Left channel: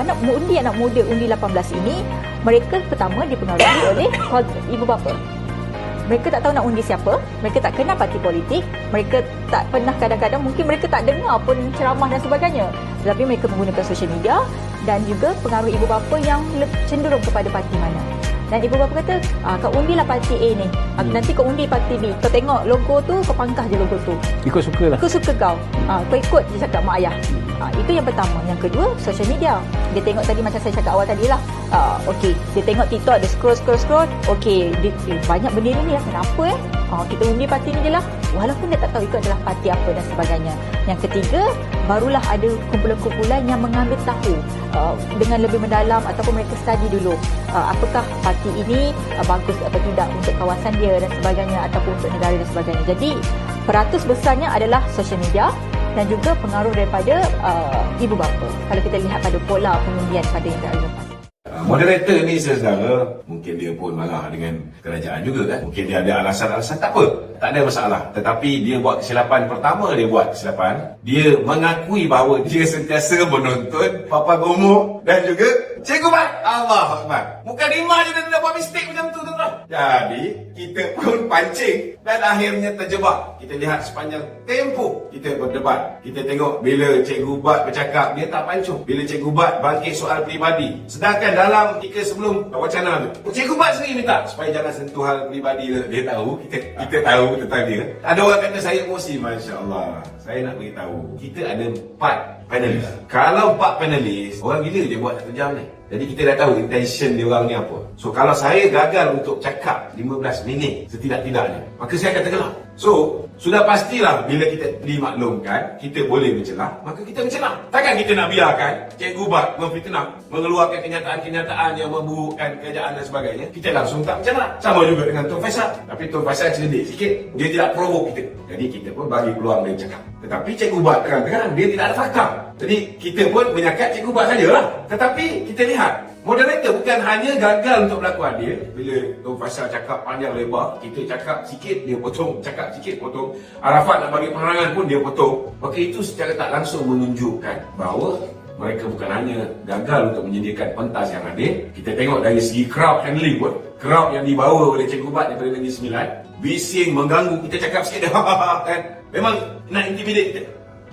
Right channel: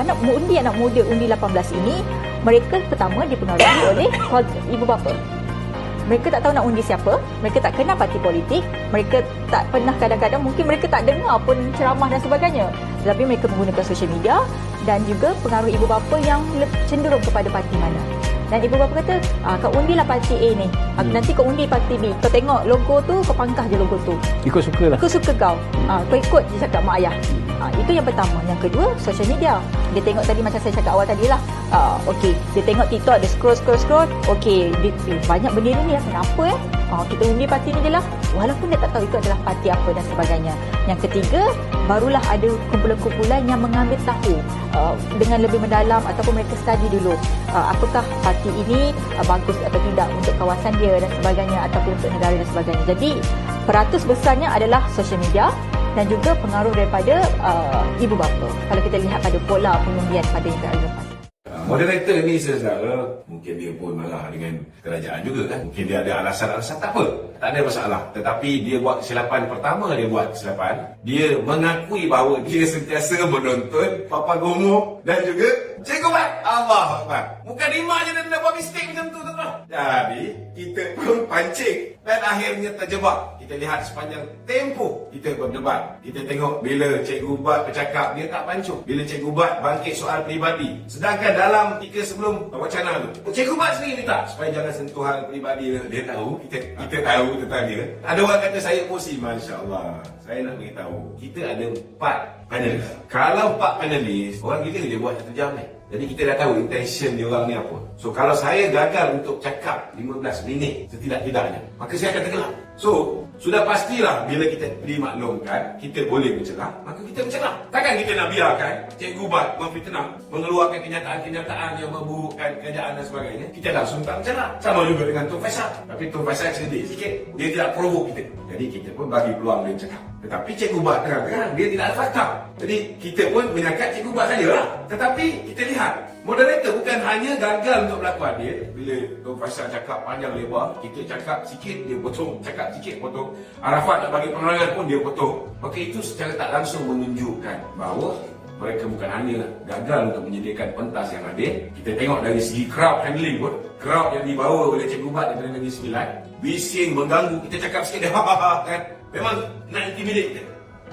anak muda undi 18 ini, mereka pertama dipengaruhi oleh ibu bapa. Mereka tak tahu nak undi siapa, mereka tak kenal parti politik, mereka tak pernah, kadang-kadang mungkin mereka tak dengar pun ceramah dan sebagainya. Tetapi mereka menggunakan social media dan juga pengaruh ibu bapa yang cenderung kepada parti mana. Dan ibu bapa kata, kau undilah parti A ni, nanti kau undi parti B, kau tengok logo tu, kau pangkah je logo tu. Ikut suka lah. Ikut suka kau. Kau ikut je cakap mak ayah. Itu yang pertama. Yang kedua, social media. Dia tengok tadi macam saya cakap awal tadi lah. Okey, dia tengok TikTok, dia scroll. Okey, banyak benda ni ya, kenapa kita undi parti ni je lah. Walaupun dia tak tahu itu adalah parti apa dan sebagainya. Yang ketiga, barulah ada kumpulan-kumpulan yang mengambil tahu dengan lebih mendalam ataupun mereka study dulu. Apakah parti ini bagus atau tidak untuk kawasan dia dan sebagainya ataupun untuk negara dan sebagainya. Jadi, peratus besarnya adalah social media dan juga pengaruh daripada ibu bapa. Kalau kita lihat pada pola pengundian pada yang terakhir lepas. Moderator ni saudara, mungkin dia pun marah dengan kerajaan juga kan. Mungkin dia ada alasan-alasan, tak apa, tak ada masalah. Tetapi dia buat kesilapan, pertama dia buat kesilapan, dia mengakui bahawa dia sentiasa menonton Papa Gomo dan juga Cikgu Mat. Allah Akbar. Muka lima je dia dapat mistik macam tu tuan. Jadi kita pun pancing dan akhirnya terjebak. Kita lihat sepanjang tempoh kita berdebat. Kita tengok bila Cikgu Bat bercakap, dia tak pancung. Bila Cikgu Bat bangkit soal peribadi, sedangkan dalam ketika sebelum wacana tu, Cikgu Bat sendiri minta supaya jangan sentuh hal peribadi. Dia tahu, kita tahu tentang dia. Ada orang kata saya emosi. Masya Allah. Saya nak beritahu, kita ada 4 panelis. Kalau 4 panelis, orang gila dia buat 1 jam ni. Jadi kita dah tahu intention dia orang ni apa. So kalau saya gagal untuk cakap 15 minit setidak-tidaknya, maka saya akan tenggelam. So sudah pastilah bila kita dimaklumkan kita boleh mencelah, maka kita mencelah. Takkan kita nak biarkan Cikgu Bat memfitnah, mengeluarkan kenyataan-kenyataan yang memburukkan kerajaan dan sebagainya. Kita langsung tak mencelah. Sama juga dengan Tun Faisal. Tapi Tun Faisal cerdik sikit, dia tidak provoke kita. Jadi kita pun bagi peluang dia cakap. Tetapi Cikgu Bat terang-terang dia tidak ada fakta. Jadi kita pun menyakat Cikgu Bat sajalah. Tetapi kita lihat, moderator bukan hanya gagal untuk berlaku adil. Bila Tun Faisal cakap panjang lebar, kita cakap sikit, dia potong. Cakap sikit, potong. Arafat nak bagi penerangan pun dia potong. Maka itu secara tak langsung menunjukkan bahawa mereka bukan hanya gagal untuk menyediakan pentas yang adil. Kita tengok dari segi crowd handling pun. Crowd yang dibawa oleh Cikgu Bat daripada Negeri Sembilan, bising, mengganggu. Kita cakap sikit, kan? Memang nak intimidate kita.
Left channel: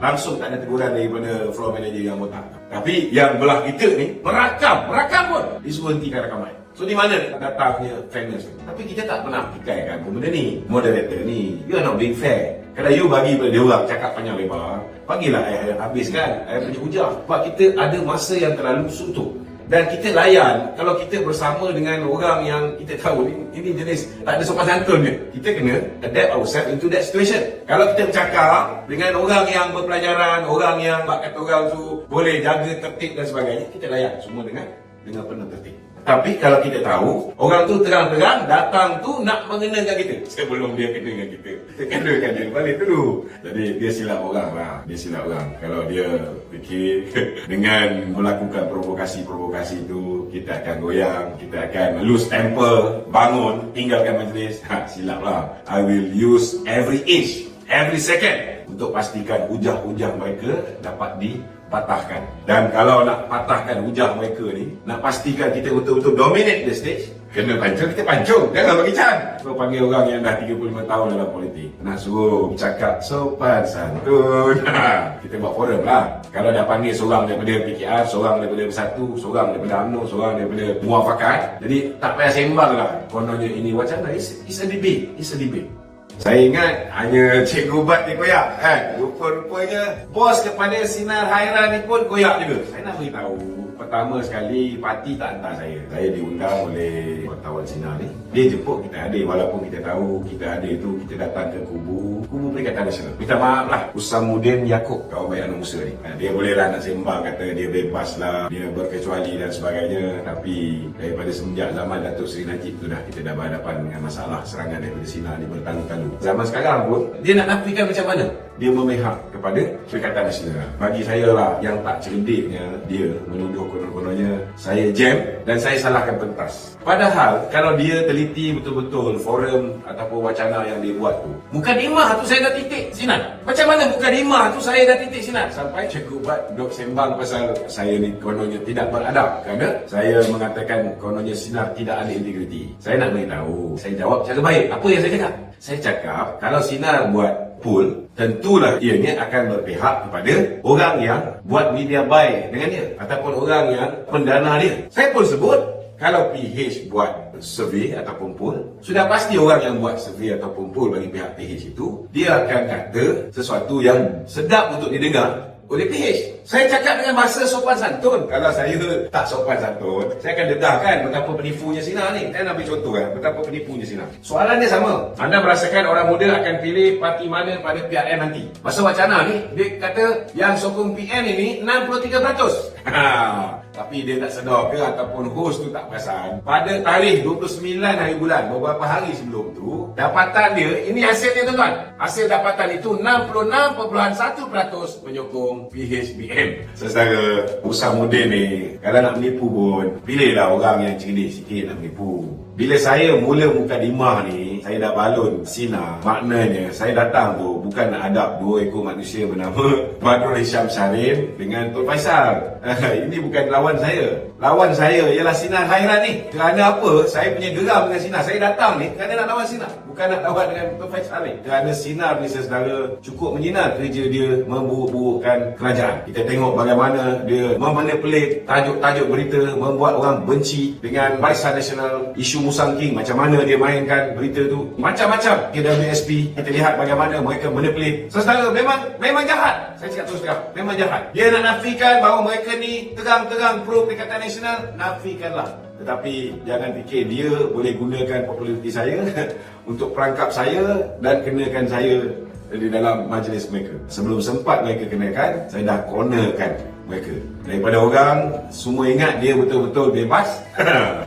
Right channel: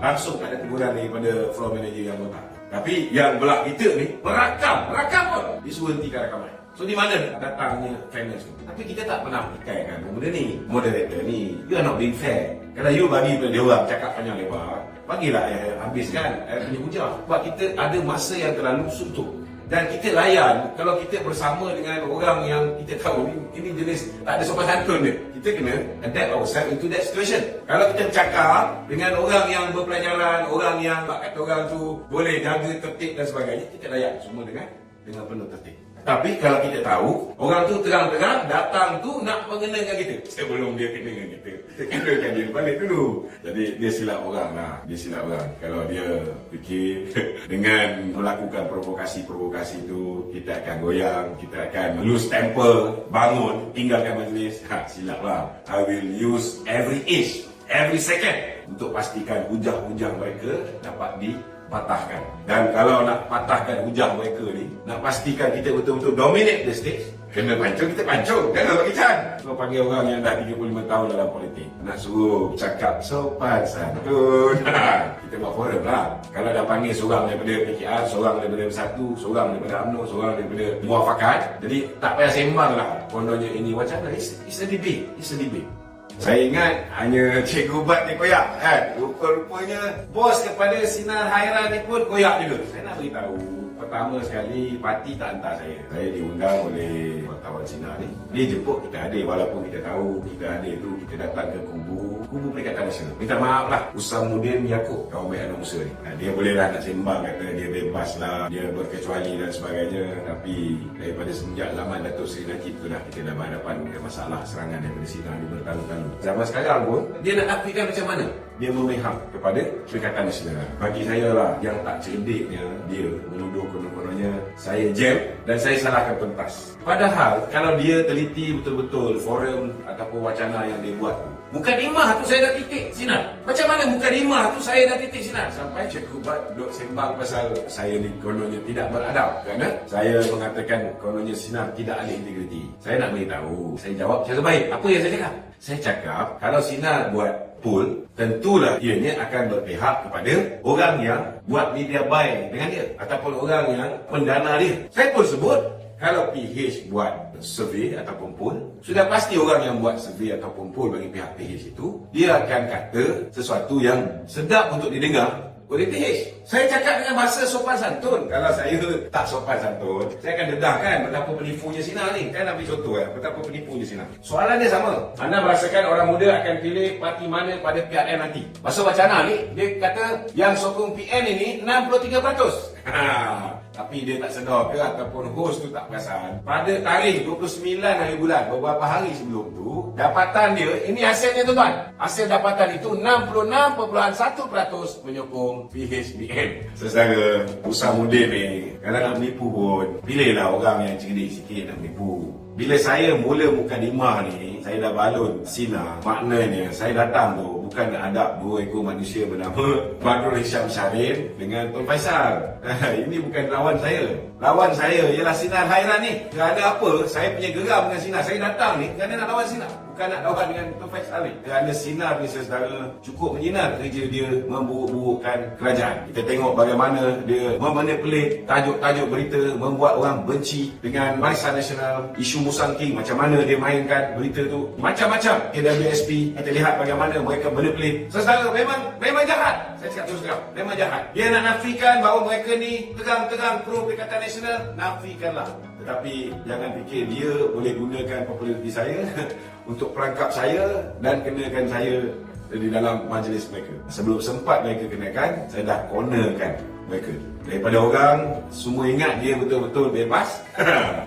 Langsung tak ada teguran daripada floor manager yang botak. Tapi yang belah kita ni merakam pun disuruh hentikan rakaman. So di mana datangnya fairness tu? Tapi kita tak pernah pikirkan benda ni. Moderator ni, you are not being fair. Kalau you bagi pada dia orang cakap panjang lebar, bagilah habiskan punya hujah. Sebab kita ada masa yang terlalu suntuk. Dan kita layan, kalau kita bersama dengan orang yang kita tahu ini jenis tak ada sopan santun ke, kita kena adapt ourselves into that situation. Kalau kita bercakap dengan orang yang berpelajaran, orang yang kata orang tu boleh jaga tertib dan sebagainya, kita layan semua dengan penuh tertib. Tapi kalau kita tahu, orang tu terang-terang datang tu nak mengenakan kita, sebelum dia kena dengan kita kenakan dia balik dulu. Jadi dia silap orang lah. Dia silap orang. Kalau dia fikir dengan melakukan provokasi-provokasi tu, kita akan goyang, kita akan lose temper, bangun, tinggalkan majlis. Silap lah. I will use every inch, every second untuk pastikan hujah-hujah mereka dapat dipatahkan. Dan kalau nak patahkan hujah mereka ni, nak pastikan kita betul-betul dominate the stage, kena pancung, kita pancung. Jangan bagi can. So panggil orang yang dah 35 tahun dalam politik, nak suruh bercakap sopan santun. Kita buat forum lah. Kalau dah panggil seorang daripada PKR, seorang daripada Bersatu, seorang daripada UMNO, seorang daripada Muafakat, jadi tak payah sembang lah. Kononnya ini wacana, it's a debate. It's a debate. Saya ingat hanya Cikgu Bat ni koyak kan. Rupa-rupanya bos kepada Sinar Hairan ni pun koyak juga. Saya nak beritahu, pertama sekali parti tak hantar saya. Saya diundang oleh wartawan Sinar ni. Dia jemput kita hadir, walaupun kita tahu kita hadir tu kita datang ke kubu Perikatan Nasional. Minta maaf lah Usamuddin Yaakob, kawan baik anak Musa ni. Dia boleh lah nak sembang, kata dia bebas lah, dia berkecuali dan sebagainya. Tapi daripada semenjak zaman Datuk Seri Najib tu dah kita dah berhadapan dengan masalah serangan daripada Sinar ni bertalu-talu. Zaman sekarang pun dia nak nafikan macam mana dia memihak kepada Perikatan Nasional. Bagi saya lah, yang tak cerdiknya dia menuduh konon-kononnya saya jam dan saya salahkan pentas. Padahal kalau dia teliti betul-betul forum ataupun wacana yang dia buat tu, Muka dimah tu saya dah titik sinar. Macam mana muka dimah tu saya dah titik sinar? Sampai Cikgu Buat duk sembang pasal saya ni kononnya tidak beradab. Kerana saya mengatakan kononnya Sinar tidak ada integriti. Saya nak beritahu, saya jawab cara baik. Apa yang saya cakap? Saya cakap, kalau Sinar buat pool, tentulah ianya akan berpihak kepada orang yang buat media buy dengan dia. Ataupun orang yang pendana dia. Saya pun sebut, kalau PH buat survey ataupun poll, sudah pasti orang yang buat survey ataupun poll bagi pihak PH itu, dia akan kata sesuatu yang sedap untuk didengar oleh PH. Saya cakap dengan bahasa sopan santun. Kalau saya tak sopan santun, saya akan dedahkan betapa penipunya Sinar ni. Saya nak ambil contoh kan, betapa penipunya Sinar. Soalannya sama. Anda merasakan orang muda akan pilih parti mana pada PRN nanti? Masa wacana ni, dia kata yang sokong PN ini 63%. Tapi dia tak sedar ke ataupun host tu tak perasan. Pada tarikh 29 hari bulan, beberapa hari sebelum tu, dapatan dia, ini hasilnya tuan-tuan. Hasil dapatan itu 66.1% menyokong PHBN. Saudara, usaha muda ni, kalau nak menipu pun, pilihlah orang yang cerdik sikit nak menipu. Bila saya mula muka dimah ni, saya dah balun Sinar. Maknanya, saya datang tu bukan nak hadap dua ekor manusia bernama Badrul Hisham Syahrin dengan Tun Faisal. Ini bukan lawan saya. Lawan saya ialah Sinar Hairan ni. Kerana apa? Saya punya geram dengan Sinar. Saya datang ni kerana nak lawan Sinar. Bukan nak lawan dengan Tun Faisal ni. Kerana Sinar ni saudara cukup menyinar kerja dia memburuk-burukkan kerajaan. Kita tengok bagaimana dia memanipulate tajuk-tajuk berita, membuat orang benci dengan Barisan Nasional, isu Musang King, macam mana dia mainkan berita tu. Macam-macam. KWSP, kita lihat bagaimana mereka manipulate. Saudara, memang jahat. Saya cakap terus terang, memang jahat. Dia nak nafikan bahawa mereka ni terang-terang pro Perikatan Nasional, nafikanlah. Tetapi jangan fikir dia boleh gunakan populariti saya untuk perangkap saya dan kenakan saya di dalam majlis mereka. Sebelum sempat mereka kenakan, saya dah cornerkan mereka. Daripada orang, semua ingat dia betul-betul bebas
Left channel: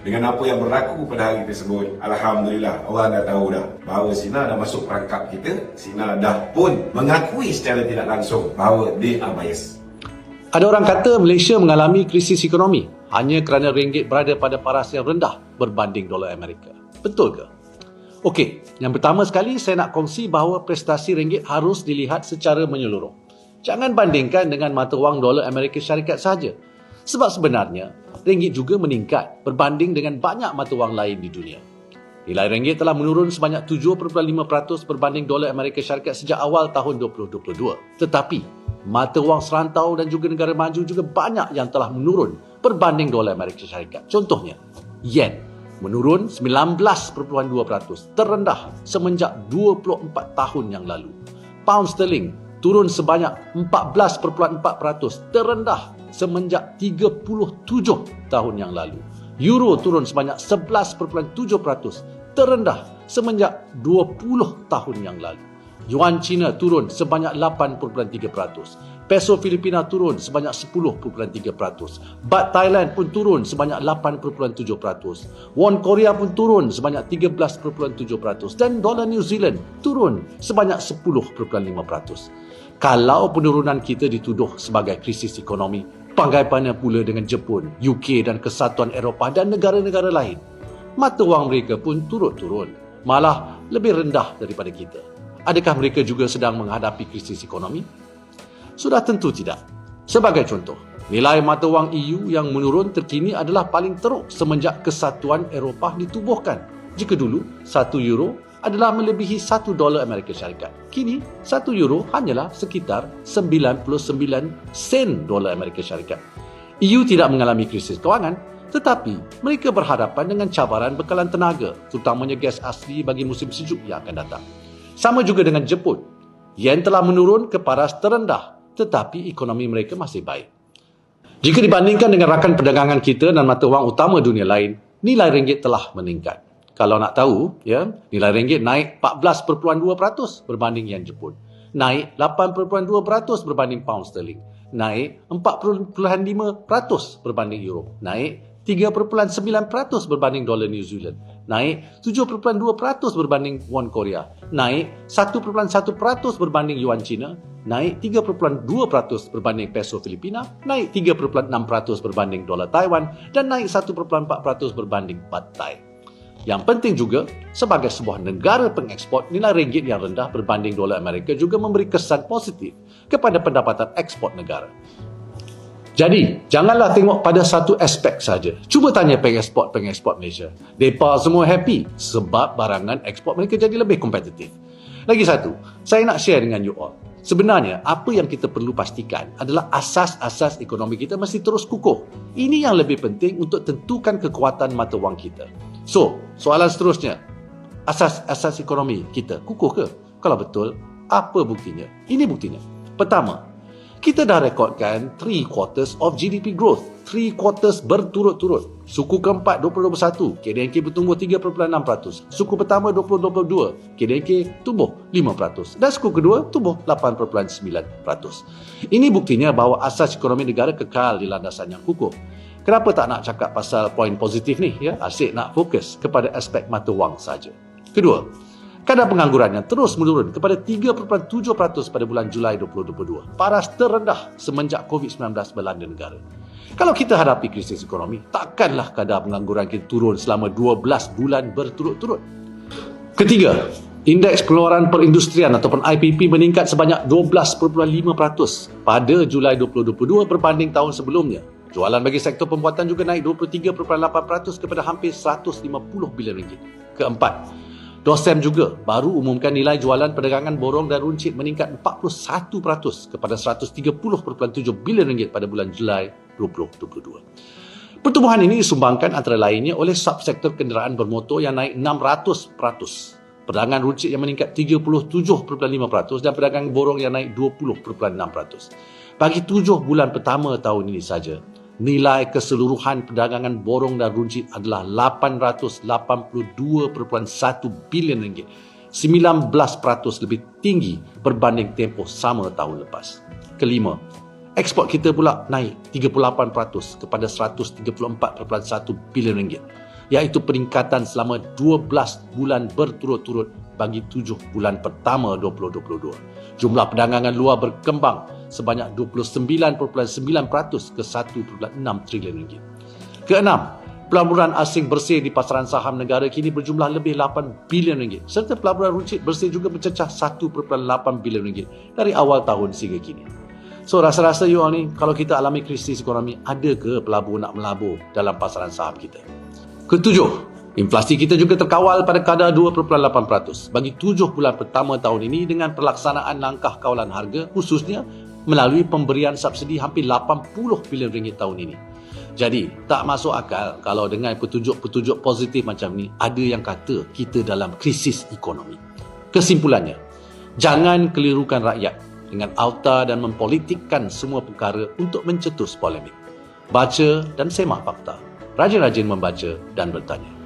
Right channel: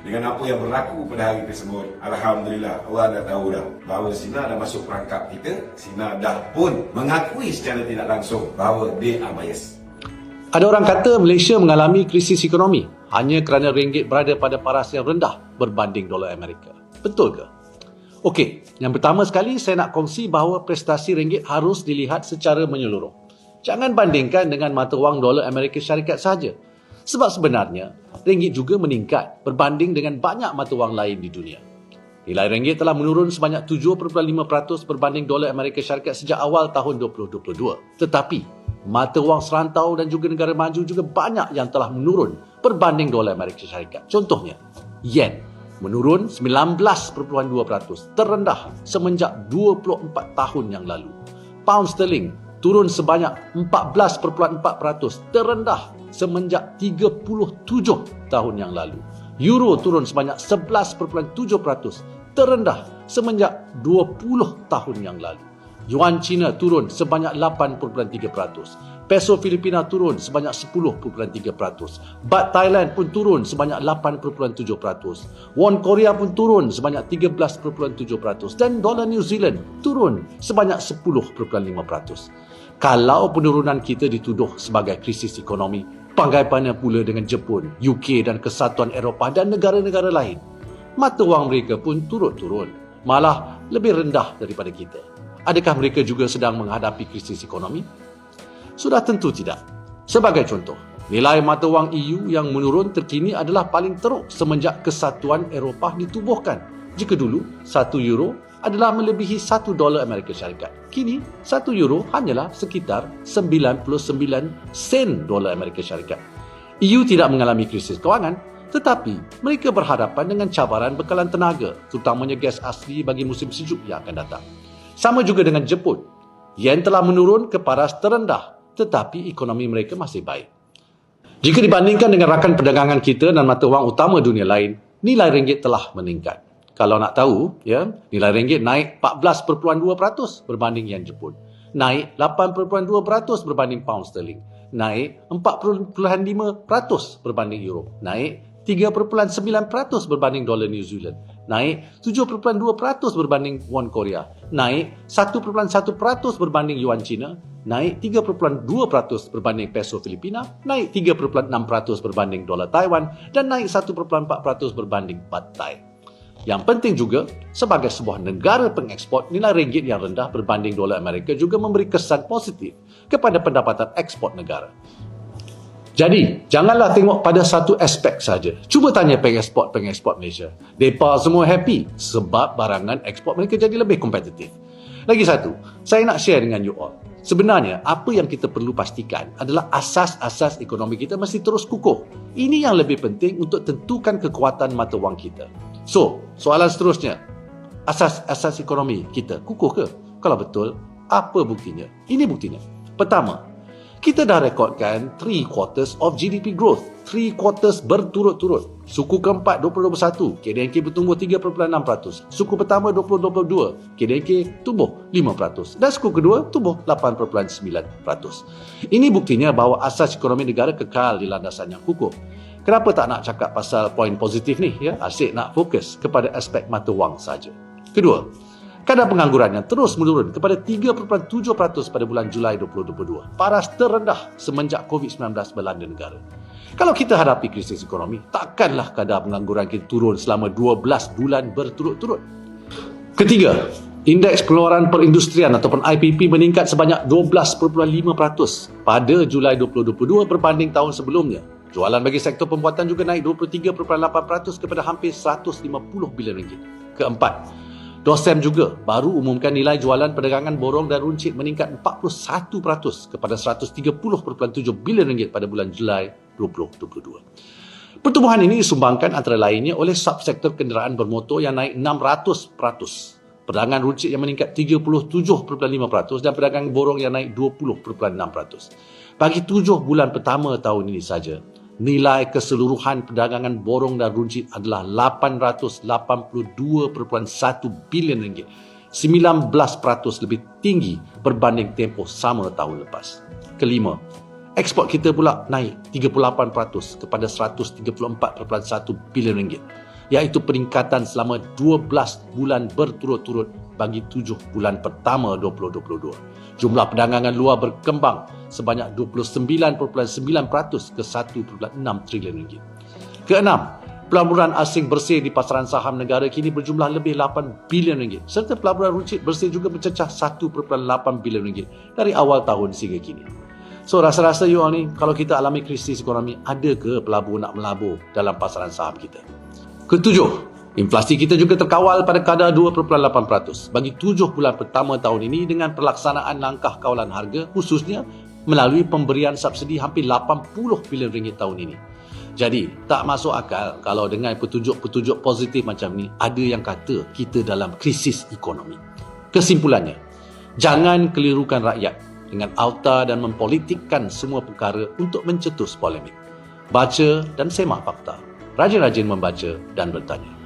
dengan apa yang berlaku pada hari tersebut. Alhamdulillah, orang dah tahu dah bahawa Sinar dah masuk perangkap kita. Sinar dah pun mengakui secara tidak langsung bahawa dia bias. Ada orang kata Malaysia mengalami krisis ekonomi hanya kerana ringgit berada pada paras yang rendah berbanding dolar Amerika. Betul ke? Okey, yang pertama sekali saya nak kongsi bahawa prestasi ringgit harus dilihat secara menyeluruh. Jangan bandingkan dengan mata wang dolar Amerika Syarikat sahaja. Sebab sebenarnya, ringgit juga meningkat berbanding dengan banyak mata wang lain di dunia. Nilai ringgit telah menurun sebanyak 7.5% berbanding dolar Amerika Syarikat sejak awal tahun 2022. Tetapi, mata wang serantau dan juga negara maju juga banyak yang telah menurun berbanding dolar Amerika Syarikat. Contohnya, yen menurun 19.2%, terendah semenjak 24 tahun yang lalu. Pound sterling turun sebanyak 14.4%, terendah semenjak 37 tahun yang lalu. Euro turun sebanyak 11.7%, terendah semenjak 20 tahun yang lalu. Yuan Cina turun sebanyak 8.3%. Peso Filipina turun sebanyak 10.3%. Baht Thailand pun turun sebanyak 8.7%. Won Korea pun turun sebanyak 13.7%. Dan dolar New Zealand turun sebanyak 10.5%. Kalau penurunan kita dituduh sebagai krisis ekonomi, bagaimana pula dengan Jepun, UK dan Kesatuan Eropah dan negara-negara lain? Mata wang mereka pun turut-turun, malah lebih rendah daripada kita. Adakah mereka juga sedang menghadapi krisis ekonomi? Sudah tentu tidak. Sebagai contoh, nilai mata wang EU yang menurun terkini adalah paling teruk semenjak Kesatuan Eropah ditubuhkan. Jika dulu, 1 euro adalah melebihi 1 dolar Amerika Syarikat. Kini, 1 euro hanyalah sekitar 99 sen dolar Amerika Syarikat. EU tidak mengalami krisis kewangan, tetapi mereka berhadapan dengan cabaran bekalan tenaga, terutamanya gas asli bagi musim sejuk yang akan datang. Sama juga dengan Jepun. Yen telah menurun ke paras terendah, tetapi ekonomi mereka masih baik. Jika dibandingkan dengan rakan perdagangan kita dan mata wang utama dunia lain, nilai ringgit telah meningkat. Kalau nak tahu, nilai ringgit naik 14.2% berbanding yen Jepun. Naik 8.2% berbanding pound sterling. Naik 4.5% berbanding euro. Naik 3.9% berbanding dolar New Zealand. Naik 7.2% berbanding won Korea. Naik 1.1% berbanding yuan Cina. Naik 3.2% berbanding peso Filipina. Naik 3.6% berbanding dolar Taiwan. Dan naik 1.4% berbanding baht Thai. Yang penting juga, sebagai sebuah negara pengeksport, nilai ringgit yang rendah berbanding dolar Amerika juga memberi kesan positif kepada pendapatan ekspor negara. Jadi, janganlah tengok pada satu aspek saja. Cuba tanya pengeksport Malaysia. Mereka semua happy sebab barangan ekspor mereka jadi lebih kompetitif. Lagi satu, saya nak share dengan you all. Sebenarnya, apa yang kita perlu pastikan adalah asas-asas ekonomi kita mesti terus kukuh. Ini yang lebih penting untuk tentukan kekuatan mata wang kita. So, soalan seterusnya, asas-asas ekonomi kita kukuh ke? Kalau betul, apa buktinya? Ini buktinya. Pertama, kita dah rekodkan 3 quarters of GDP growth. 3 quarters berturut-turut. Suku keempat 2021, KDNK bertumbuh 3.6%. Suku pertama 2022, KDNK tumbuh 5%. Dan suku kedua tumbuh 8.9%. Ini buktinya bahawa asas ekonomi negara kekal di landasan yang kukuh. Kenapa tak nak cakap pasal poin positif ni? Ya, asyik nak fokus kepada aspek mata wang saja. Kedua, kadar pengangguran yang terus menurun kepada 3.7% pada bulan Julai 2022. Paras terendah semenjak COVID-19 melanda negara. Kalau kita hadapi krisis ekonomi, takkanlah kadar pengangguran kita turun selama 12 bulan berturut-turut. Ketiga, indeks pengeluaran perindustrian ataupun IPP meningkat sebanyak 12.5% pada Julai 2022 berbanding tahun sebelumnya. Jualan bagi sektor pembuatan juga naik 23.8% kepada hampir 150 bilion ringgit. Keempat, DOSEM juga baru umumkan nilai jualan perdagangan borong dan runcit meningkat 41% kepada 130.7 bilion ringgit pada bulan Julai 2022. Pertumbuhan ini disumbangkan antara lainnya oleh subsektor kenderaan bermotor yang naik 600%, perdagangan runcit yang meningkat 37.5% dan perdagangan borong yang naik 20.6%. Bagi 7 bulan pertama tahun ini saja, nilai keseluruhan perdagangan borong dan runcit adalah 882.1 bilion ringgit, 19% lebih tinggi berbanding tempoh sama tahun lepas. Kelima, ekspor kita pula naik 38% kepada 134.1 bilion ringgit, iaitu peningkatan selama 12 bulan berturut-turut bagi 7 bulan pertama 2022. Jumlah perdagangan luar berkembang sebanyak 29.9% ke 1.6 trilion ringgit. Keenam, pelaburan asing bersih di pasaran saham negara kini berjumlah lebih 8 bilion ringgit serta pelaburan runcit bersih juga mencecah 1.8 bilion ringgit dari awal tahun sehingga kini. So, rasa-rasa you all ni, kalau kita alami krisis ekonomi, ada ke pelabur nak melabur dalam pasaran saham kita? Ketujuh, inflasi kita juga terkawal pada kadar 2.8% bagi 7 bulan pertama tahun ini dengan pelaksanaan langkah kawalan harga khususnya melalui pemberian subsidi hampir 80 bilion ringgit tahun ini. Jadi, tak masuk akal kalau dengan petunjuk-petunjuk positif macam ni, ada yang kata kita dalam krisis ekonomi. Kesimpulannya, jangan kelirukan rakyat dengan auta dan mempolitikkan semua perkara untuk mencetus polemik. Baca dan semak fakta. Rajin-rajin membaca dan bertanya.